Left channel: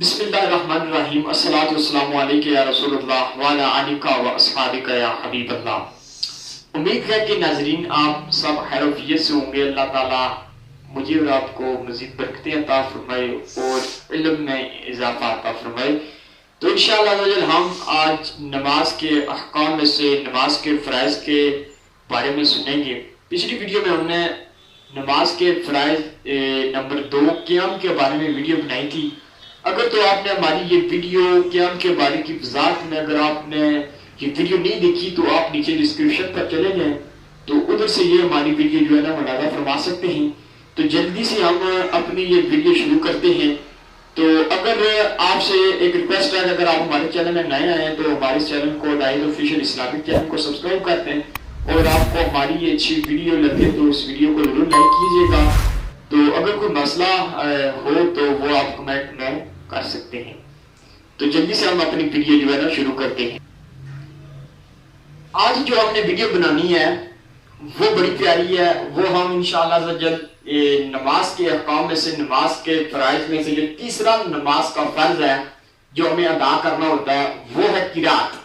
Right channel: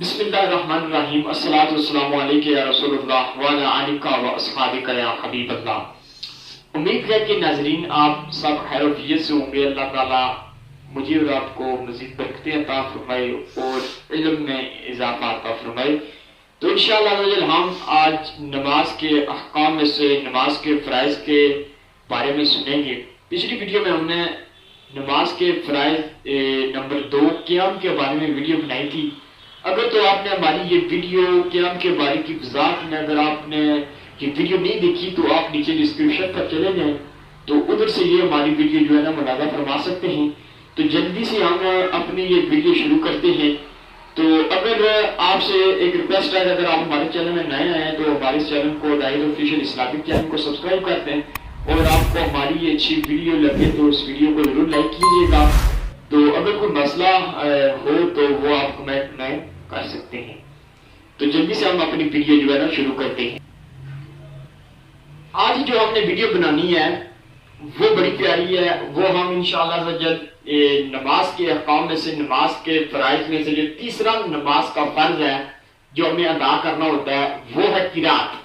بسم اللہ الرحمن الرحیم الصلاۃ والسلام علیکہ یا رسول اللہ وعلی آلک و اصحابک یا حبیب اللہ۔ امید ہے کہ ناظرین آپ سب خیر و عافیت سے ہوں گے۔ اللہ تعالیٰ مجھے اور آپ کو مزید برکتیں عطا فرمائے اور علم میں اضافہ عطا فرمائے۔ تو انشاءاللہ ہم آج نماز کے احکام میں سے نماز کے فرائض کے بارے میں سنیں گے۔ پچھلی ویڈیو میں ہم نے نماز کے فرائض نمبر 2 قیام کے بارے میں ویڈیو بنائی تھی۔ اگر تو آپ نے ہماری یہ ویڈیو قیام کے بارے کی وضاحت میں اگر آپ نے یہ ویڈیو نہیں دیکھی تو آپ نیچے ڈسکرپشن پر چلے جائیں تو ادھر سے یہ ہماری ویڈیو جو ہے نا مشاہدہ فرما سکتے ہیں۔ تو جلدی سے ہم اپنی یہ ویڈیو شروع کرتے ہیں۔ تو اگر آپ سے ایک ریکویسٹ ہے کہ اگر آپ ہمارے چینل میں نئے آئے ہیں تو ہمارے اس چینل کو داعیہ آفیشیل اسلامک چینل کو سبسکرائب کرتے ہیں، اور آپ کو ہماری یہ اچھی ویڈیو لگے تو اس ویڈیو کو ضرور لائک کیجیے گا۔ تو اگر کوئی مسئلہ ہو تو وہ آپ کمنٹ میں کر سکتے ہیں۔ تو جلدی سے ہم اپنی ویڈیو جو ہے نا شروع کرتے ہیں۔ آج جو ہم نے ویڈیو بنانی ہے وہ بڑی پیاری ہے۔ وہ ہم انشاءاللہ نماز کے احکام میں سے نماز کے فرائض میں سے جو تیسرا نماز کا فرض ہے جو ہمیں ادا کرنا ہوتا ہے وہ ہے قرات،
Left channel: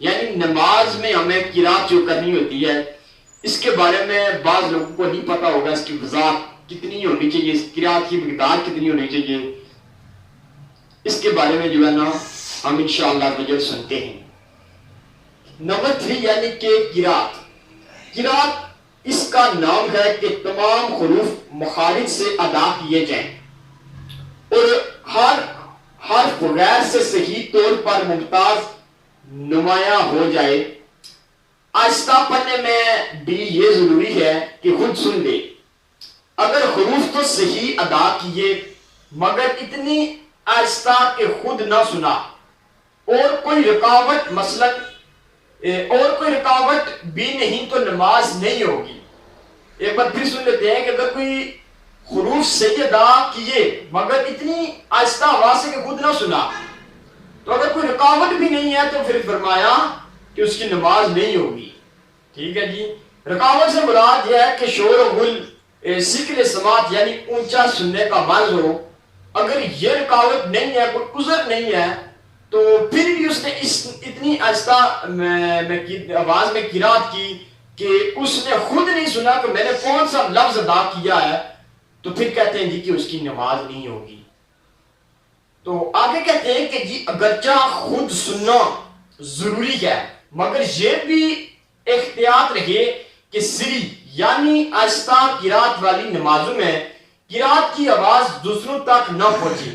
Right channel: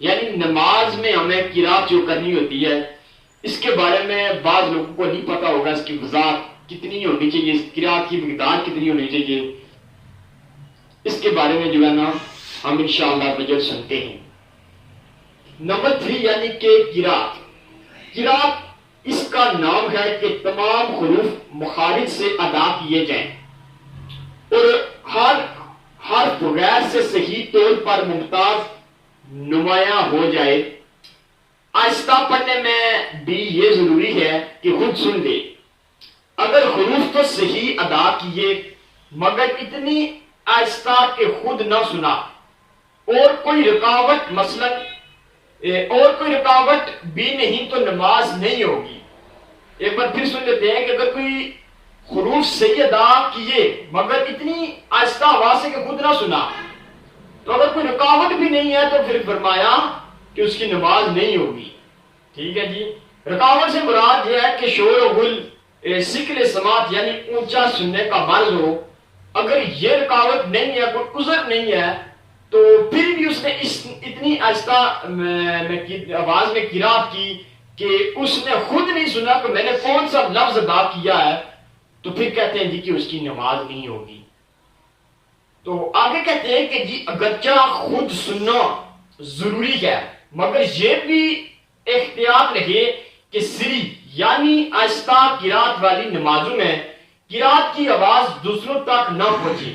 یعنی نماز میں ہمیں قرات جو کرنی ہوتی ہے۔ اس کے بارے میں بعض لوگوں کو نہیں پتا ہوگا اس کی وضاحت کتنی ہونی چاہیے، اس قرات کی مقدار کتنی ہونی چاہیے، اس کے بارے میں جو ہے نا ہم انشاءاللہ سنتے ہیں۔ نمبر 3 یعنی کہ قرات اس کا نام ہے کہ تمام حروف مخارج سے ادا کیے جائیں اور ہر حرف غیر سے صحیح طور پر ممتاز نمایاں ہو جائے۔ آہستہ پڑھنے میں بھی یہ ضروری ہے کہ خود سن لے۔ اگر حروف تو صحیح ادا کیے مگر اتنی آہستہ کہ خود نہ سنا اور کوئی رکاوٹ بھی نہیں تو نماز نہیں ہوگی۔ ایک بار پھر سن لیتے ہیں کہ اگر کوئی حروف صحیح ادا کیے مگر اتنی آہستہ آواز سے کہ خود نہ سنا، تو اگر کوئی رکاوٹ بھی نہیں ہے تو پھر فرمایا کہ اس کی نماز نہیں ہوگی۔ ٹھیک ہے جی۔ رکاوٹ سے مراد یہ ہے کہ شور و غل، ثقل سماعت یعنی اونچا سننے کا مرض ہو۔ اگر یہ رکاوٹ نہیں ہے، کوئی عذر نہیں ہے، تو پھر بھی اس نے اتنی آہستہ آواز میں قرات کی کہ اس نے خود نہیں سنا کہ میں نے کون سا لفظ ادا کیا ہے، تو پھر کہتے ہیں جی کہ اس کی نماز نہیں ہوگی۔ تو آگے کہتے ہیں کہ جی اگرچہ خود سننا ضروری ہے مگر یہ بھی احتیاط رہے کہ سری یعنی آہستہ قرات والی نمازوں میں قرات کی آواز دوسروں تک نہ پہنچے۔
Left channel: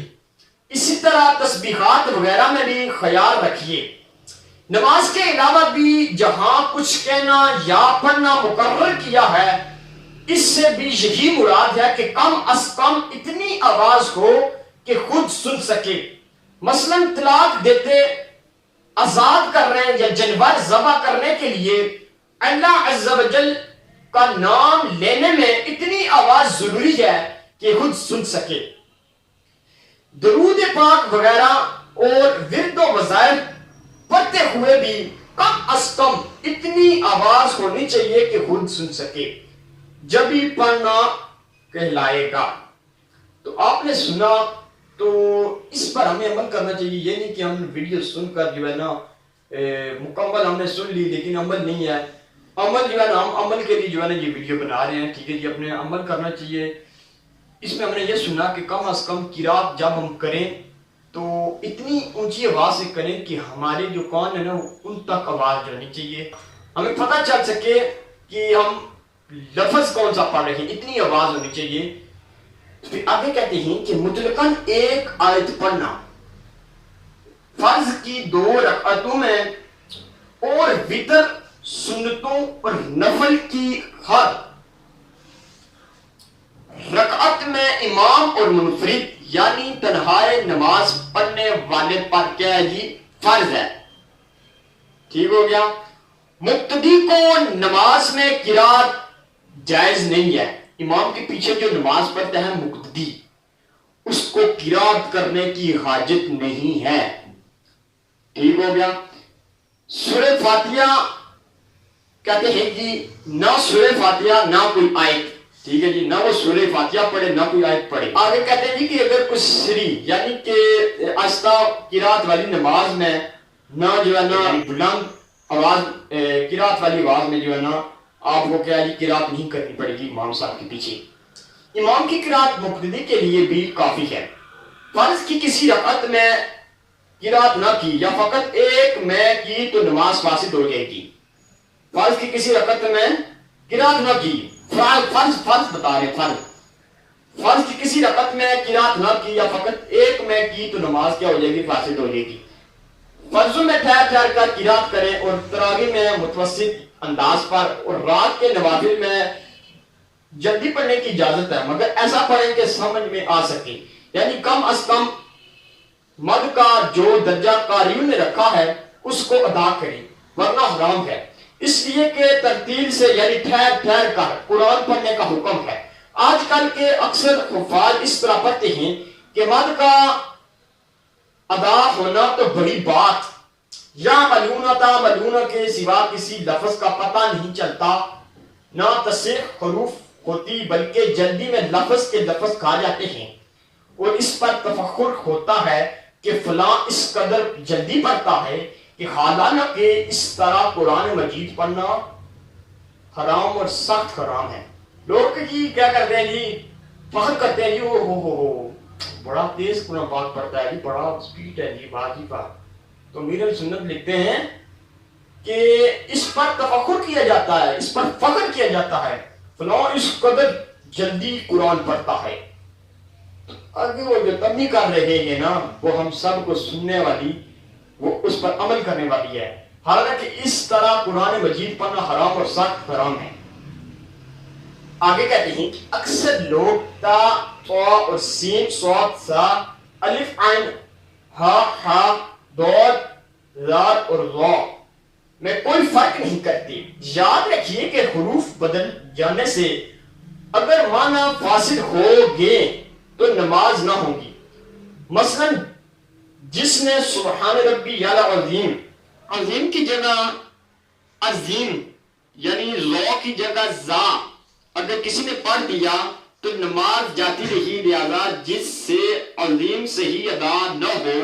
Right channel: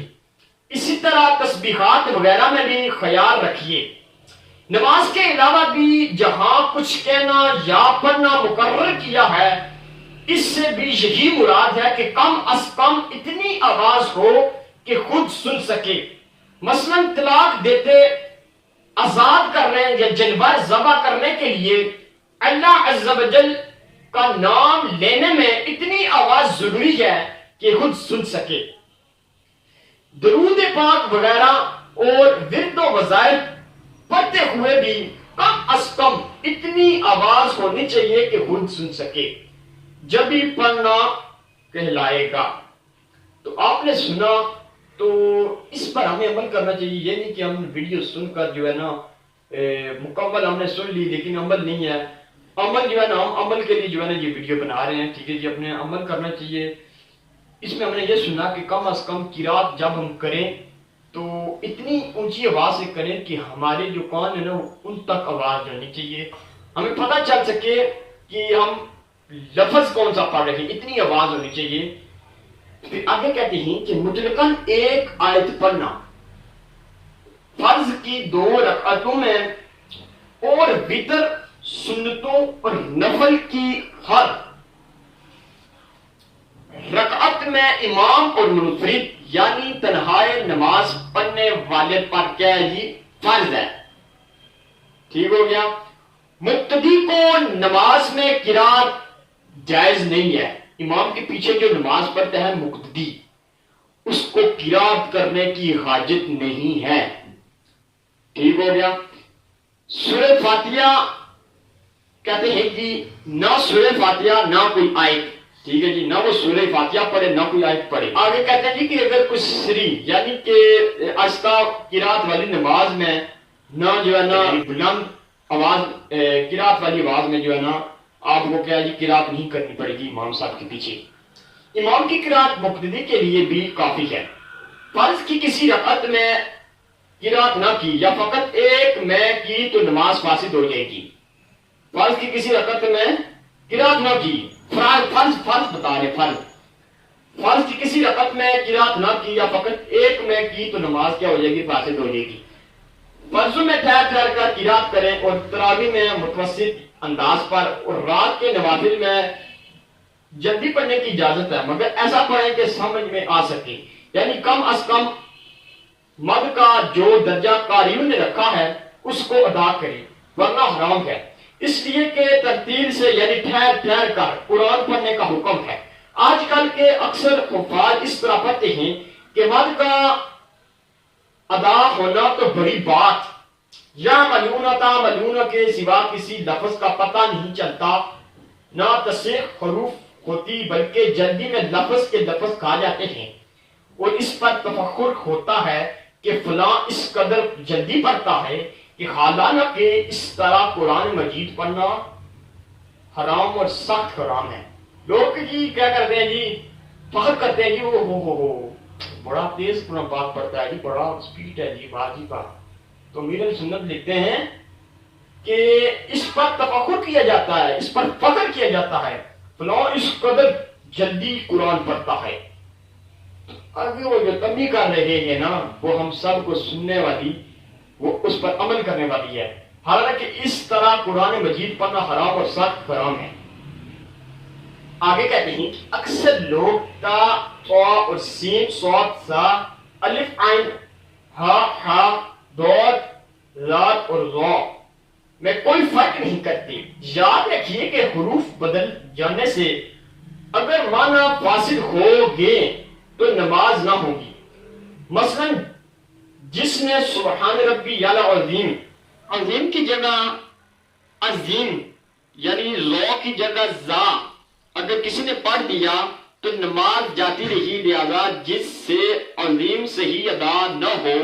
اسی طرح تسبیحات وغیرہ میں بھی خیال رکھیے۔ نماز کے علاوہ بھی جہاں کچھ کہنا یا پڑھنا مقرر کیا ہے اس سے بھی یہی مراد ہے کہ کم از کم اتنی آواز ہو کہ خود سن سکے۔ مثلا طلاق دیتے، آزاد کر رہے ہیں یا جانور ذبح کرنے کے لیے اللہ عز و جل کا نام لینے میں اتنی آواز ضروری ہے کہ خود سن سکے۔ درود پاک وغیرہ اور ورد و وظائف پڑھتے ہوئے بھی کم از کم اتنی آواز ہونی چاہیے کہ خود سن سکے، جب ہی پڑھنا کہلائے گا۔ تو آپ نے سنا تو اس پر ہمیں عمل کرنا چاہیے۔ یہ نہیں کہ ہم ویڈیو سن کر جو ہے نا مکمل ہم نے سن لی لیکن عمل نہیں ہے۔ عمل جو ہے نا ہم عمل کے لیے جو ہے نا یہ ویڈیو بنا رہے ہیں۔ ٹھیک ہے جی، اپنے عمل کرنا چاہیے۔ اس میں ہم نے یہ سنا کہ کم از کم قرات جب ہم کریں تو اتنی اونچی آواز سے کریں کہ ہمارے جو کان ہے نا ان تک آواز جانی چاہیے، ہمیں پتہ چل سکے کہ ہم لفظ کون سا پڑھ رہے ہیں، اتنی آواز ہونی چاہیے۔ پھر آگے کہتے ہیں کہ مطلقاً ایک آیت پڑھنا فرض کی 2 رکعتوں میں اور وتر سنتوں اور نفل کی ہر رکعت میں امام اور منفرد یعنی تنہائے نماز پڑھنے والے پر کیا ہے جی فرض ہے۔ ٹھیک ہو گیا۔ مقتدی کو نماز میں قرات جائز نہیں ہے۔ امام کے پیچھے جو نماز پڑھتا ہے مقتدی، اس کو قرات کرنے کی حاجت نہیں ہے۔ ٹھیک ہو گیا۔ سورہ فاتحہ کہتے ہیں جی نہ سورہ فاتحہ نہ کوئی آیت ٹھیک ہے جی، نہ وہ سورہ فاتحہ پڑھے نہ کوئی آیت پڑھے. آگے کہتے ہیں جی کہ اگر کوئی سری یعنی کہ آہستہ قرات والی نماز میں نہ جو ہے نا بلند آواز قرات والی آواز میں جو ہے نا آپ کو کیا جی قرات نہیں کرنی پڑے گی امام صاحب کے پیچھے. امام کی قرات مقتدی کے لیے بھی کافی ہے. فرض کی کسی رکعت میں قرات نہ کی یا فقط ایک میں کی تو نماز فاسد ہو جائے گی. فرض کی کسی رکعت میں قرات نہ کی، فرض بتا رہے فرض کی کسی رکعت میں قرات نہ کی یا فقط ایک میں کی تو نماز کیا ہو جائے گی؟ فاسد ہو جائے گی. فرضوں میں ٹھہر کر قرات کریں اور تراویح میں متوسط انداز پر اور رات کے نوافل میں جلدی پڑھنے کی اجازت ہے، مگر ایسا پڑھیں کہ سمجھ میں آ سکے، یعنی کم از کم مد کا جو درجہ قاریوں نے رکھا ہے اس کو ادا کریں، ورنہ حرام ہے. اس لیے کہ ترتیل سے یعنی ٹھہر کر قرآن پڑھنے کا حکم ہے. آج کل کے اکثر حفاظ اس طرح پڑھتے ہیں کہ مد کا ادا ہونا تو بڑی بات، یا ملونہ کے سوا کسی لفظ کا پتہ نہیں چلتا، نہ تصحیح حروف ہوتی بلکہ جلدی میں لفظ کے لفظ کھا جاتے ہیں اور اس پر تفخر ہوتا ہے کہ فلاں اس قدر جلدی پڑھتا ہے کہ حالانہ کہ اس طرح قرآن مجید پڑھنا حرام اور سخت حرام ہے. لوگ جی کیا کرتے ہیں جی فخر کرتے ہیں جی ہو بڑا تیز قرآن پاک پڑھتا ہے جی، بڑا سپیڈ ہے جی باجی کا. تو امیر سنت لکھتے ہیں کہ اس پر تفخر کیا جاتا ہے، اس پر فخر کیا جاتا ہے، فلاں اس قدر جلدی قرآن پڑھتا ہے. آگے وہ جو تبلیغ کر رہے ہیں نا وہ ہم سب کو سننے والی، وہ اس پر عمل کرنے والی ہے، حالانکہ اس طرح قرآن مجید پڑھنا حرام اور سخت حرام ہے. آگے کہتے ہیں کہ اکثر لوگ تا اور سین صاد سا الف عین ہا دود زاد اور را میں کوئی فرق نہیں کرتے. یاد رکھیے کہ حروف بدل جانے سے اگر معنی فاسد ہو گے تو نماز نہ ہوگی. مثلا جس نے سبحان ربی العظیم عظیم کی جگہ عظیم یعنی زو کی جگہ زا اگر کسی نے پڑھ دیا تو نماز جاتی رہی، لہذا جس سے عظیم صحیح ادا نہ ہو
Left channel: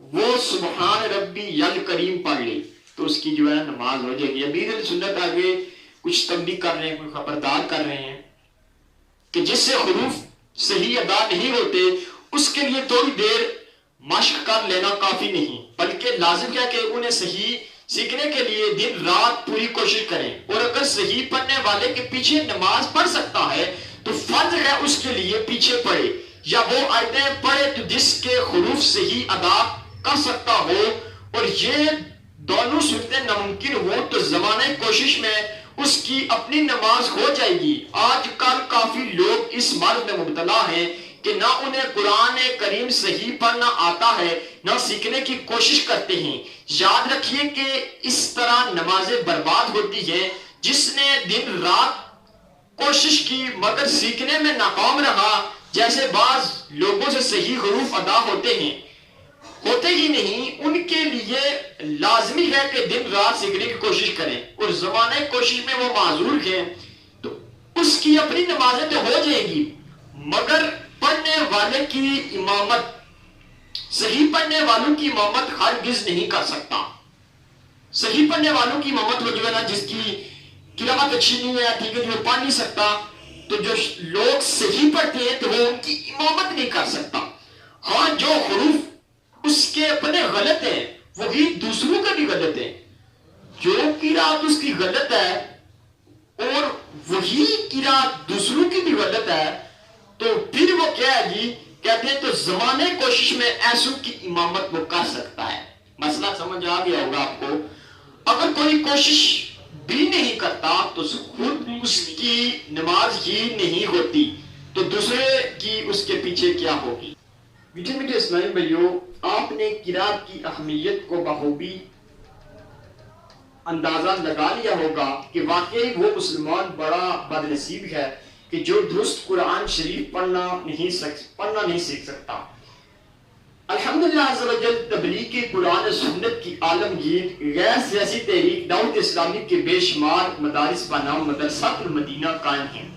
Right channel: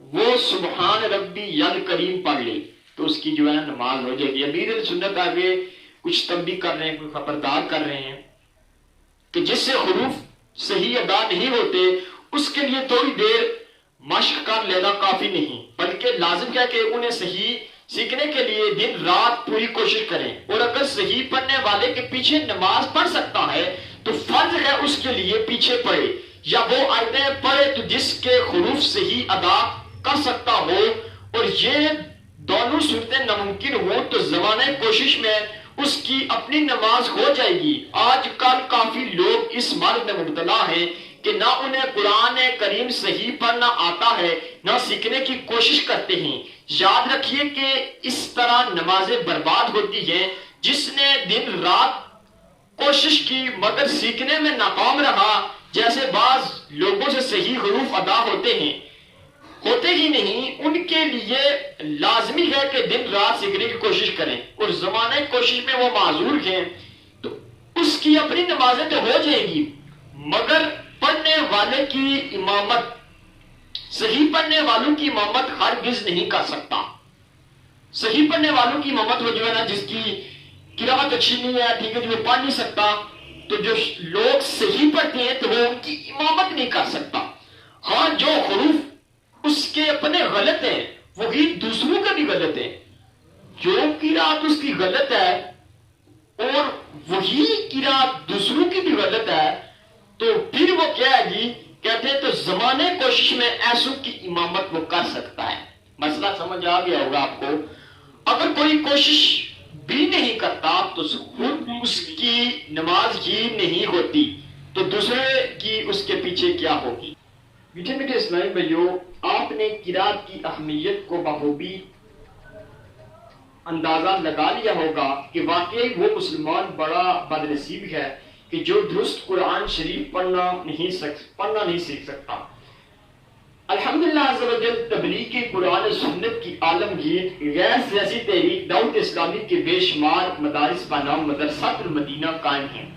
وہ سبحان ربی الکریم پڑھ لی تو اس کی جو ہے نماز ہو جائے گی. امیر سنت آگے کچھ تنبیہ کر رہے ہیں، کوئی خبردار کر رہے ہیں کہ جس سے حروف صحیح ادا نہیں ہوتے اس کے لیے تھوڑی دیر مشق کر لینا کافی نہیں، بلکہ لازم کیا کہ انہیں صحیح سیکھنے کے لیے دن رات پوری کوشش کریں. اور اگر صحیح پڑھنے والے کے پیچھے نماز پڑھ سکتا ہے تو فرض ہے اس کے لیے پیچھے پڑھے، یا وہ آیتیں پڑھے تو جس کے حروف صحیح ادا کر سکتا ہو. اور یہ دونوں صورتیں ناممکن ہو تو زمانہ کوشش میں اس کی اپنی نماز ہو جائے گی. آج کل کافی لوگ اس مرض میں مبتلا ہیں کہ نہ انہیں قرآن کریم صحیح پڑھنا آتا ہے نہ سیکھنے کی کوشش کرتے ہیں. یاد رکھیے کہ اس طرح نمازیں برباد ہوتی ہیں. جس نے دن رات کوشش کی مگر سیکھنے میں ناکام رہا، جیسے بعض لوگوں سے صحیح حروف ادا ہوتے ہی نہیں، ان کے لیے لازمی ہے کہ دن رات سیکھنے کی کوشش کریں. اور زمانہ کوشش میں وہ معذور ہیں تو اس کی اپنی نمازیں تو ہو جائے گی، مگر پڑھنے والے کی امامت، صحیح پڑھنے والوں کی امامت ہرگز نہیں کر سکتا. صحیح پڑھنے والوں کی امامت وہ جو ہے نا جس کی قرات اچھی نہیں ہے، ٹھیک ہے جو پڑھ نہیں سکتا، تو جو لوگ صحیح پڑھتے ہیں تو وہ ان کی امامت نہیں کر سکتا. ہاں جو حروف اس کے اپنے غلط ہیں وہی دوسروں کا بھی غلط ہے. جو قرات اس کی غلط ہے اور وہی قرات دوسروں کی بھی غلط ہے تو پھر وہ کیا ہے جی کہتے ہیں تو زمانے کوشش میں ایسوں کی امامت وہ کر سکتا ہے. مسئلہ سمجھ آ گیا ہوگا آپ کو. اگر کوئی کوشش بھی نہیں کرتا تو خود اس کی نماز ہی نہیں ہوتی تو دوسرے کی اس کے پیچھے کیا ہوگی. میٹھے میٹھے اسلامی بھائیوں، آپ نے قرات کی اہمیت کو بخوبی اندازہ لگا لیا ہوگا کہ واقعی وہ مسلمان بڑا بدنصیب ہے کہ جو درست قرآن شریف پڑھنا نہیں سیکھ سکتا. الحمدللہ عز و جل تبلیغ قرآن سنت کی عالمگیر غیر سیاسی تحریک دعوت اسلامی کے بے شمار مدارس بنام مدرسۃ المدینہ قائم ہیں.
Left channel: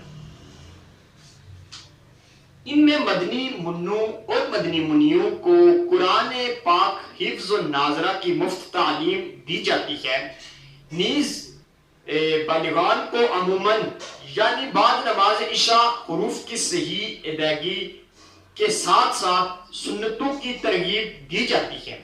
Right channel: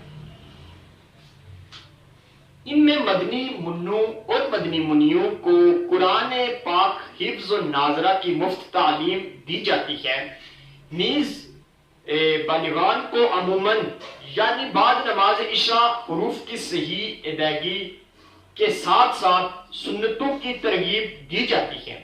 مدنی منوں اور مدنی منیوں کو قرآن پاک حفظ و ناظرہ کی مفت تعلیم دی جاتی ہے، نیز بالغان کو عموماً یعنی بعد نماز عشاء حروف کی صحیح ادائیگی کے ساتھ ساتھ سنتوں کی ترغیب دی جاتی ہے۔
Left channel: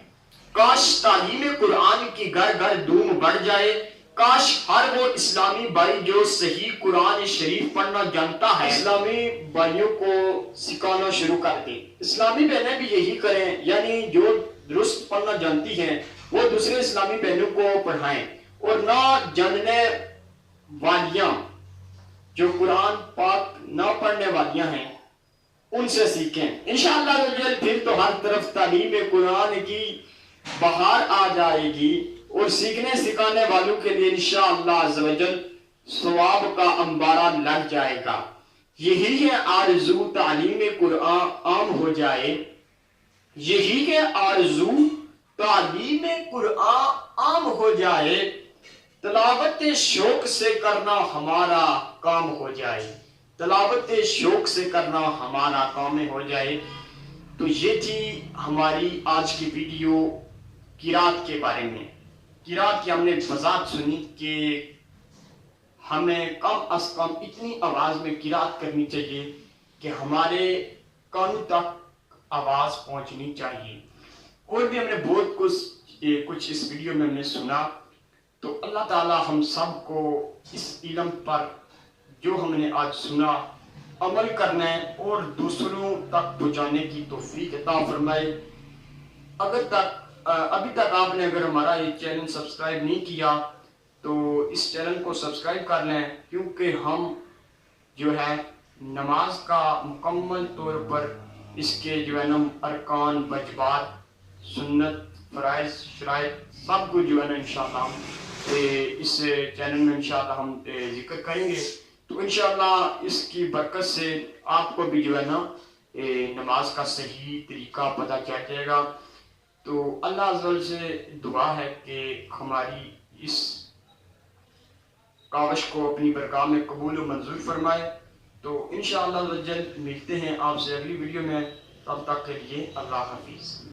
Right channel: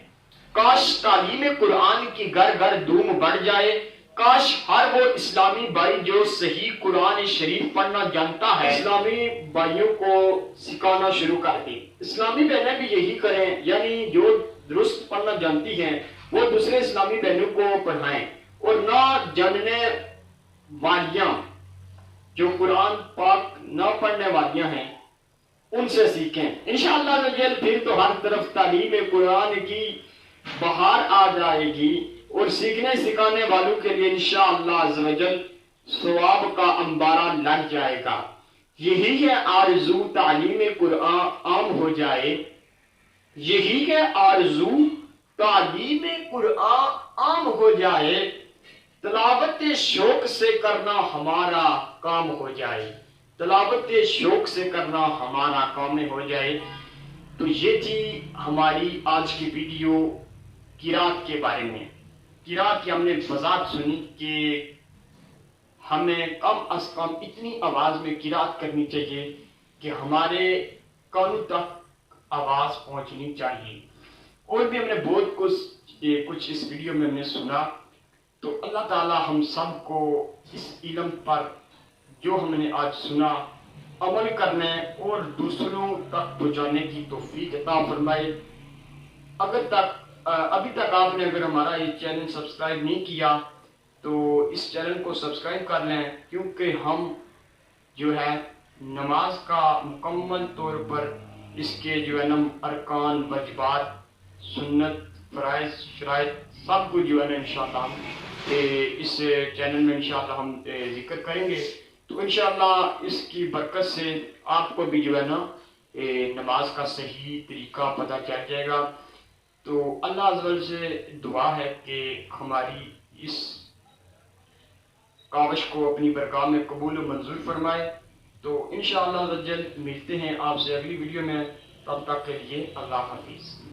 کاش تعلیم قرآن کی گھر گھر دھوم بڑھ جائے، کاش ہر وہ اسلامی بھائی جو صحیح قرآن شریف پڑھنا جانتا ہے اسلامی بھائیوں کو سکھانا شروع کر دے۔ اسلامی بہنیں بھی یہی کریں، یعنی جو درست پڑھنا جانتی ہیں وہ دوسرے اسلامی بہنوں کو پڑھائیں، اور نہ جاننے والیاں جو قرآن پاک نہ پڑھنے والیاں ہیں ان سے سیکھیں۔ انشاءاللہ پھر تو ہر طرف تعلیم قرآن کی بہار آ جائے گی، اور سیکھنے سکھانے والوں کے لیے انشاءاللہ عز و جل ثواب کا انبارہ لگ جائے گا۔ یہی ہے آرزو تعلیم قرآن عام ہو جائے، یہی ہے آرزو تعلیم قرآن عام ہو جائے، تلاوت شوق سے کرنا ہمارا کام ہو جائے، تلاوت شوق سے کرنا ہمارا کام ہو جائے۔ تو یہ تھی ہماری آج کی ویڈیو قرات کے بارے میں۔ قرات کی ہم نے وضاحت سنی کہ ہمیں کم از کم اتنی آواز میں قرات کرنی چاہیے کہ ہمارے کانوں تک آواز پہنچنی چاہیے۔ اور بھی ہم نے بہت کچھ اس ویڈیو میں ہم نے سنا، تو اللہ تعالی ہم سب کو اس علم پر جو ہم نے آج سنا عمل کرنے اور دوسروں تک پہنچانے کی توفیق عطا فرمائے۔ ابھی تک آپ نے اگر ہمارا یہ چینل سبسکرائب نہیں کیا تو اس چینل کو سبسکرائب کر لیں، کیونکہ ہم جو ہے نماز کا مکمل طور پر اس کے جو ہے نا ارکان، واجبات، سنت، فرائض، شرائط سب کو جو ہے نا انشاءاللہ اس چینل میں انشاءاللہ ہم ذکر کریں گے۔ تو انشاءاللہ اس کی برکت سے آپ کو بھی جو ہے نا نماز کا صحیح طریقہ پتہ چل جائے گا۔ تو اللہ عز و جل سے دعا ہے کہ ہماری اس کاوش کو اپنی برگاہ میں قبول و منظور فرمائے۔ تو انشاءاللہ عز و جل ملتے ہیں آپ سے اگلی ویڈیو میں، تب تک کے لیے اللہ حافظ۔